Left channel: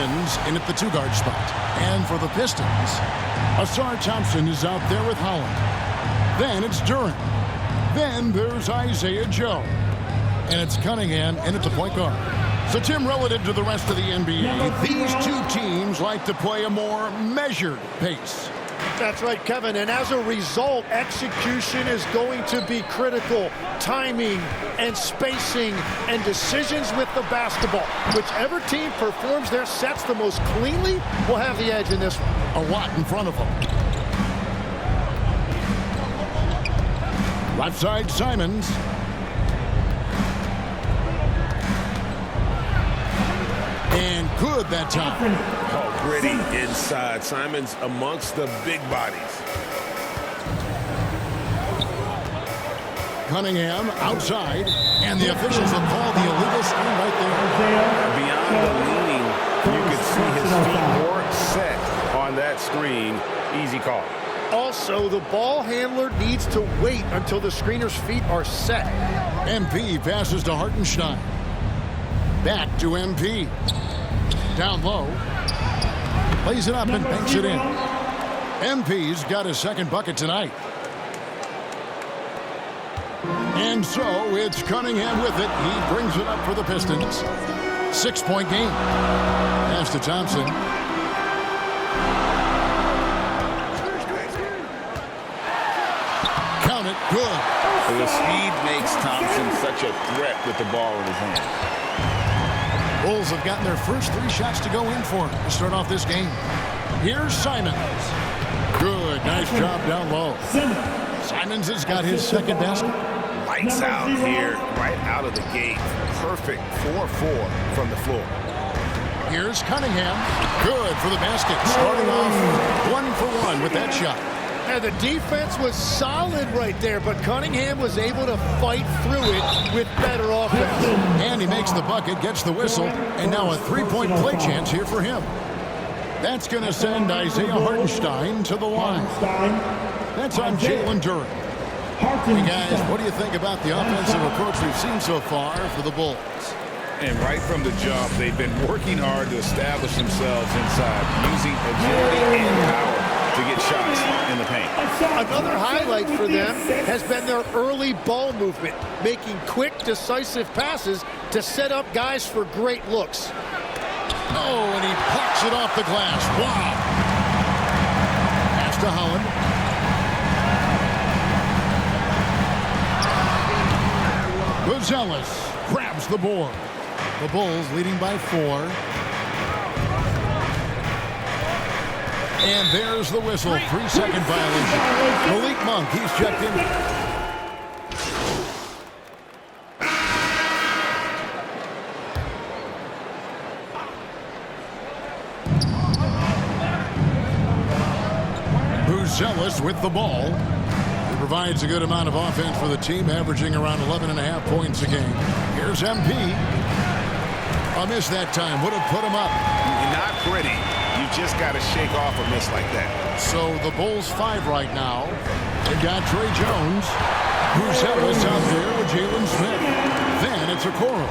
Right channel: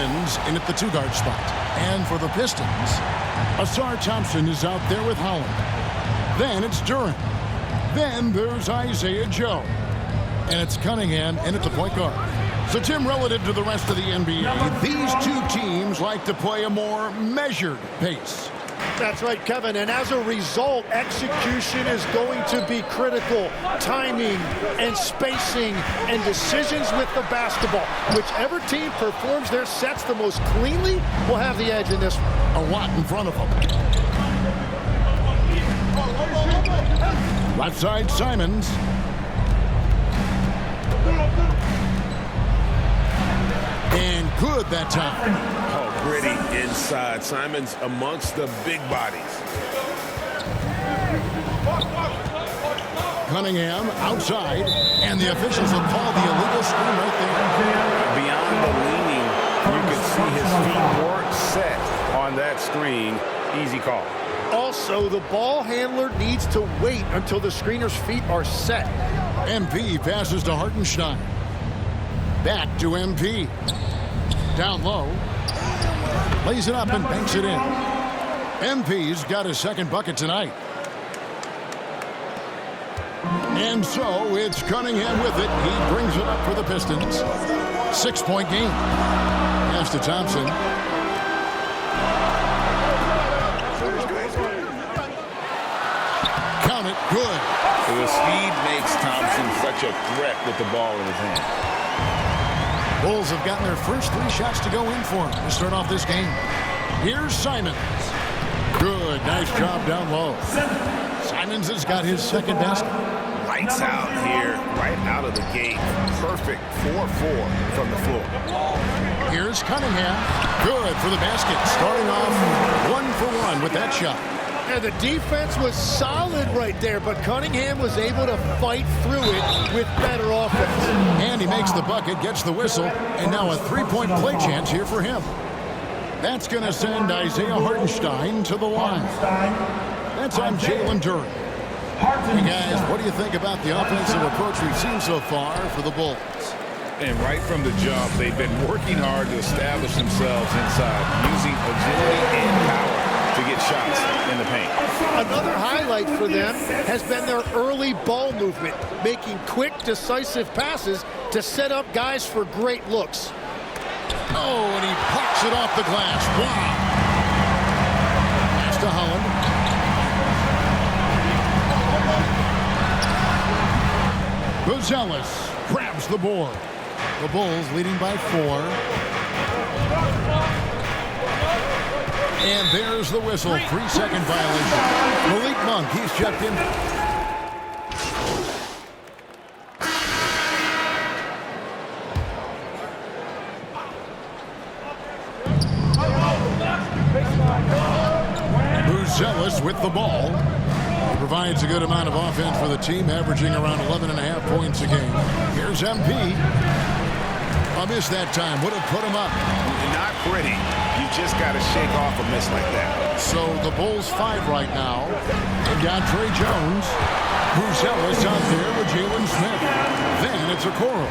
Simons in at the 2-guard spot. And for the Pistons, Asar Thompson is out there with Holland. Then it's Duren. Then there's Isaiah Joe. And it's Cunningham in at the point guard. So, Tim, relative to the rest of the NBA, these two teams like to play a more measured pace. That's right, Kevin. And as a result, execution is going to be critical. Timing and spacing and decisions with the basketball. Whichever team performs their sets the most cleanly will have the edge in this one. A lot in front of them. Left side, Simons. And good that time. Oh, gritty inside. Simons amongst the big bodies. Cunningham outside, and the officials will call the illegal screen right there. Beyond the leaning, you could see his feet weren't set on that screen. Easy call. Also, the ball handler needs to wait until the screener's feet are set. MP passes to Hartenstein. Back to MP. Down low. Lays it up and banks it in. MP's got his second bucket tonight. And so it's Cunningham with it. He brings it up for the Pistons. 6-point game. Pass to Thompson. Count it. Good. So the speed makes Thompson such a threat with the ball in his hand. Bulls have gotten their first 3 shots to go in for him to start off this game. Here's Simons. Good. Nice job down low. Simons has got his second basket. Lights out here, right out of the gate. Perfect 4-4 from the floor. Here's Cunningham. Good for the basket. Starting off 1 for 1 with that shot. And the defense was solid right there, but Cunningham was able to fight through it with better offense. And he makes the bucket, gets the whistle, and now a 3-point play chance here for him. That's going to send Isaiah Hartenstein to the line. That's on Jalen Duren. Hey, guys, what do you think about the offensive approach we've seen so far for the Bulls? And right from the jump, they've been working hard to establish themselves inside, using agility and power to get shots in the paint. Another highlight for them has been their early ball movement, making quick, decisive passes to set up guys for great looks. Oh, and he blocks it off the glass. Wow. Pass to Holland. Buzelis grabs the board. The Bulls leading by 4. And there's the whistle. 3-second violation. Malik Monk, he's checked in. Buzelis with the ball. He provides a good amount of offense for the team, averaging around 11.5 points a game. Here's MP. A miss that time. Would have put him up. Not pretty. You just got to shake off a miss like that. So the Bulls 5 right now. They've got Trey Jones. Buzelis out there with Jalen Smith. Then it's Okoro.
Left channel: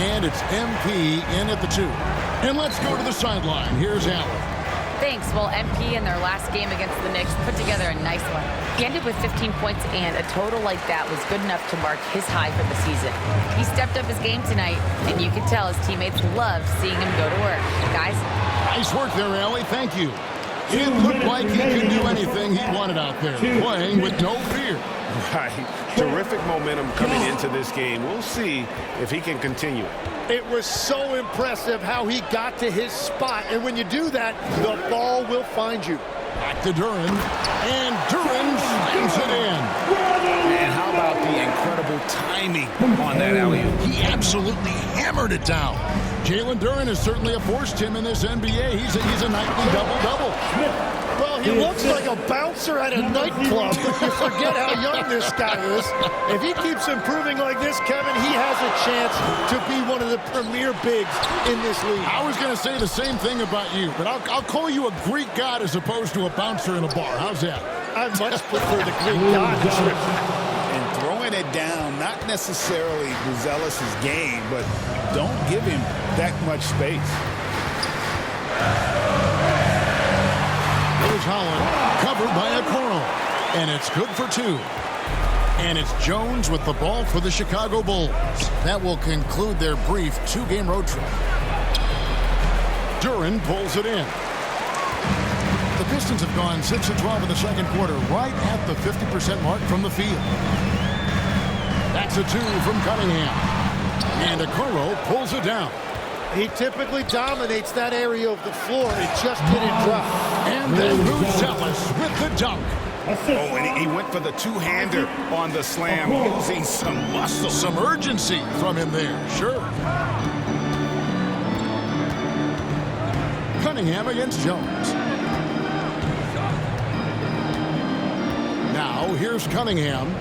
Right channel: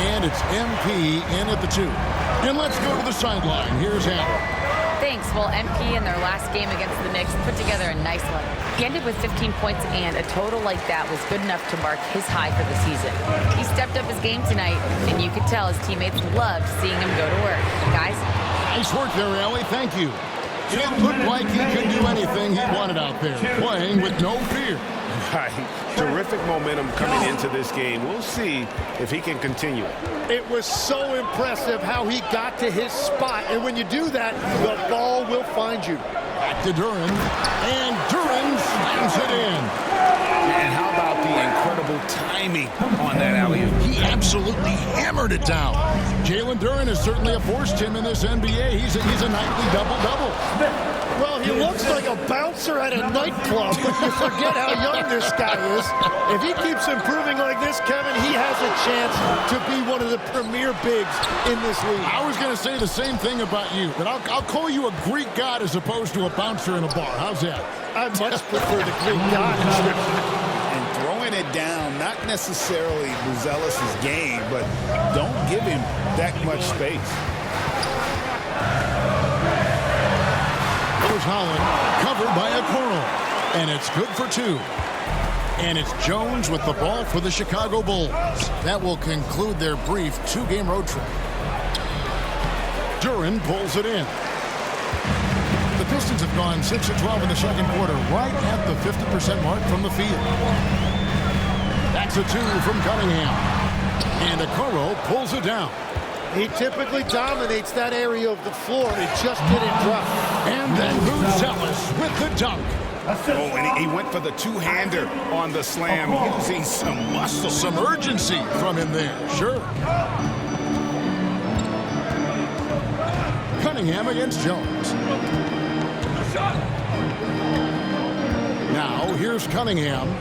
And it's MP in at the 2. And let's go to the sideline. Here's Allen. Thanks. Well, MP in their last game against the Knicks put together a nice one. He ended with 15 points, and a total like that was good enough to mark his high for the season. He stepped up his game tonight, and you could tell his teammates loved seeing him go to work. Guys? Nice work there, Allie. Thank you. It looked like he could do anything he wanted out there, playing with no fear. Right. Terrific momentum coming into this game. We'll see if he can continue it. It was so impressive how he got to his spot. And when you do that, the ball will find you. Back to Duren. And Duren slams it in. And how about the incredible timing on that alley-oop? He absolutely hammered it down. Jalen Duren is certainly a force, Tim, in this NBA. He's a nightly double-double. Well, he looks like a bouncer at a nightclub, but you forget how young this guy is. If he keeps improving like this, Kevin, he has a chance to be one of the premier bigs in this league. I was going to say the same thing about you, but I'll call you a Greek god as opposed to a bouncer in a bar. How's that? I much prefer the Greek god description. And throwing it down, not necessarily Buzelis' game, but don't give him that much space. Here's Holland, covered by Okoro. And it's good for 2. And it's Jones with the ball for the Chicago Bulls. That will conclude their brief 2-game road trip. Duren pulls it in. The Pistons have gone 6 of 12 in the second quarter, right at the 50% mark from the field. That's a 2 from Cunningham. And Okoro pulls it down. He typically dominates that area of the floor. It just didn't drop. And then Buzelis with the dunk. Oh, and he went for the two-hander on the slam, using some muscle. Some urgency from him there, sure. Cunningham against Jones. Now, here's Cunningham.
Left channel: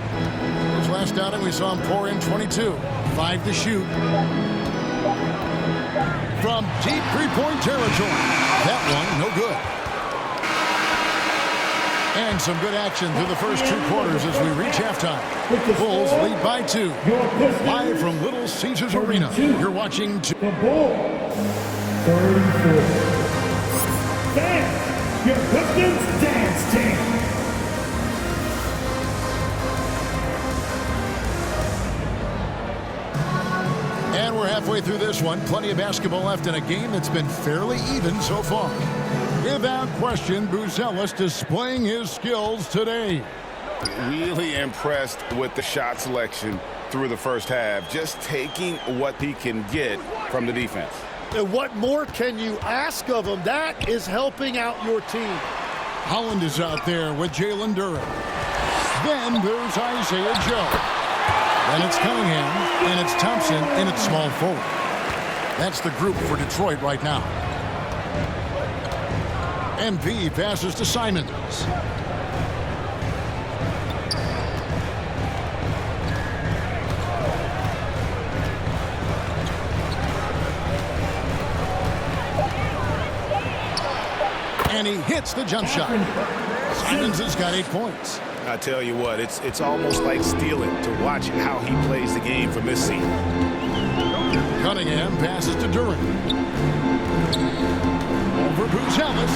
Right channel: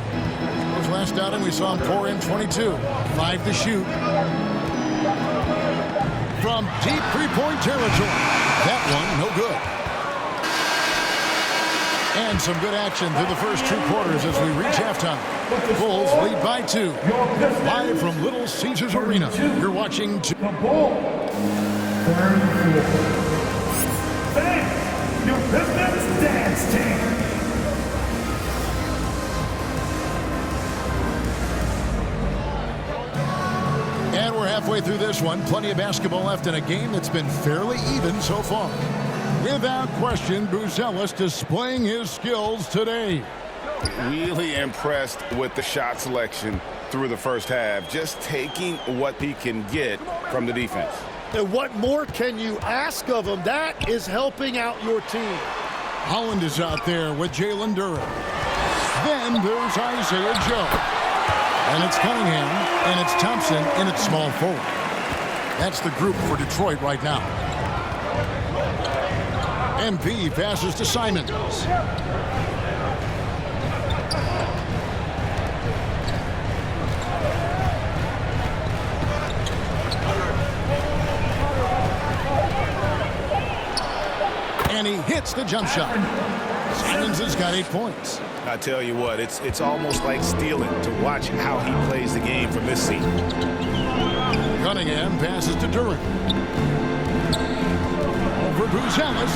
His last outing, we saw him pour in 22. 5 to shoot. From deep three-point territory. That one, no good. And some good action through the first 2 quarters as we reach halftime. Bulls lead by 2. Live from Little Caesars Arena. You're watching the Bulls. 3rd and 4. Fans, your Pistons dance team. And we're halfway through this one. Plenty of basketball left in a game that's been fairly even so far. Without question, Buzelis displaying his skills today. Really impressed with the shot selection through the first half. Just taking what he can get from the defense. And what more can you ask of him? That is helping out your team. Holland is out there with Jalen Duren. Then there's Isaiah Joe. Then it's Cunningham, and it's Thompson in its small forward. That's the group for Detroit right now. MP passes to Simons. And he hits the jump shot. Simons has got 8 points. I tell you what, it's almost like stealing to watch how he plays the game from this seat. Cunningham passes to Duren. Over Buzelis.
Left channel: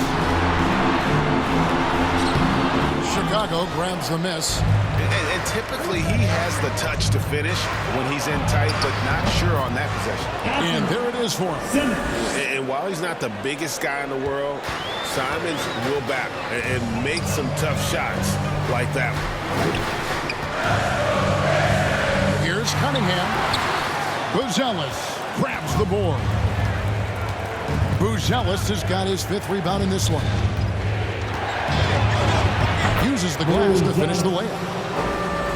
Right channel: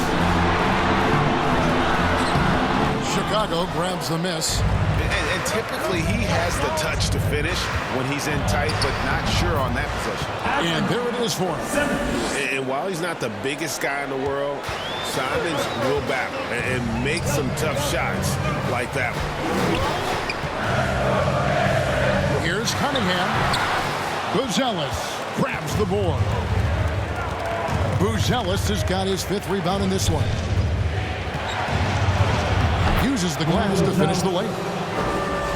Chicago grabs the miss. And typically he has the touch to finish when he's in tight, but not sure on that possession. And there it is for him. And while he's not the biggest guy in the world, Simons will battle and make some tough shots like that one. Here's Cunningham. Buzelis grabs the board. Buzelis has got his 5th rebound in this one. Uses the glass to finish the layup.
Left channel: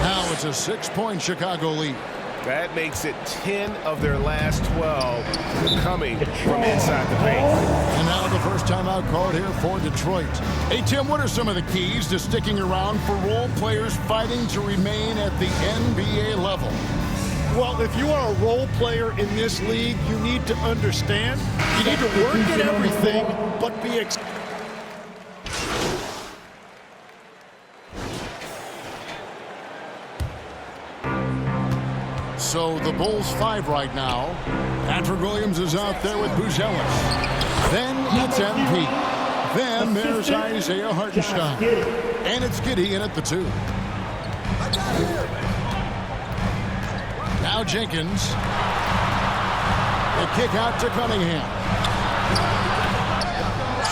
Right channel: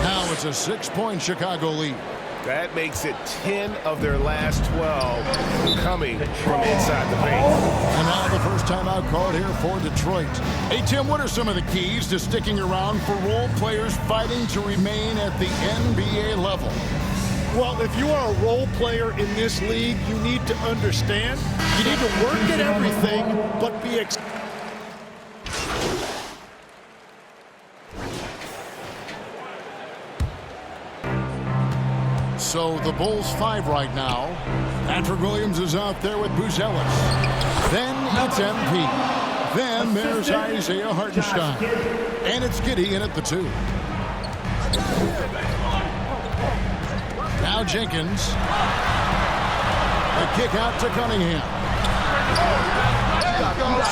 Now it's a 6-point Chicago lead. That makes it 10 of their last 12 coming from inside the paint. And now the first timeout called here for Detroit. Hey, Tim, what are some of the keys to sticking around for role players fighting to remain at the NBA level? Well, if you are a role player in this league, you need to understand. You need to work at everything, but be So the Bulls 5 right now. Patrick Williams is out there with Buzelis. Then it's MP. Then there's Isaiah Hartenstein. And it's Giddey in at the 2. Now Jenkins. The kick out to Cunningham.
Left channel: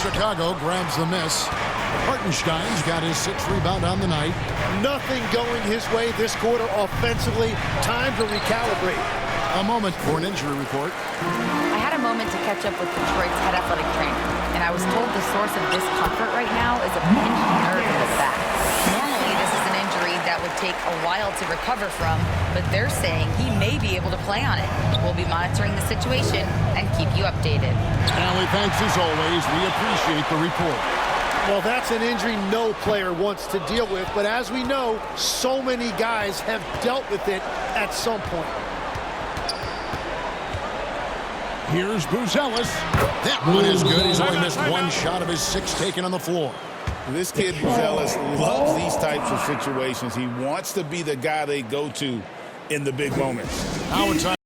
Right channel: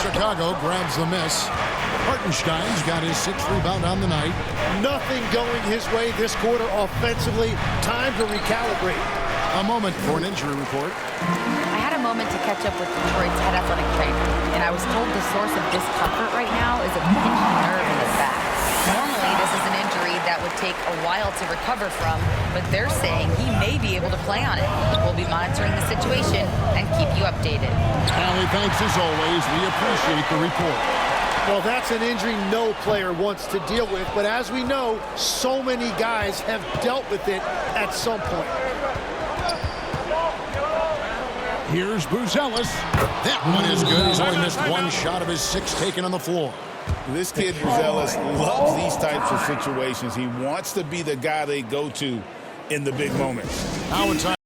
Chicago grabs the miss. Hartenstein's got his 6th rebound on the night. nothing going his way this quarter offensively. Time to recalibrate. A moment for an injury report. I had a moment to catch up with Detroit's head athletic trainer, and I was told the source of discomfort right now is a pinched nerve in the back. Normally, this is an injury that would take a while to recover from, but they're saying he may be able to play on it. We'll be monitoring the situation and keep you updated. Allie, thanks as always. We appreciate the report. Well, that's an injury no player wants to deal with, but as we know, so many guys have dealt with it at some point. Here's Buzelis. That one is good. He's only missed one shot of his 6 taken on the floor. This kid, Buzelis, loves these types of situations. He wants to be the guy they go to in the big moments. Now it's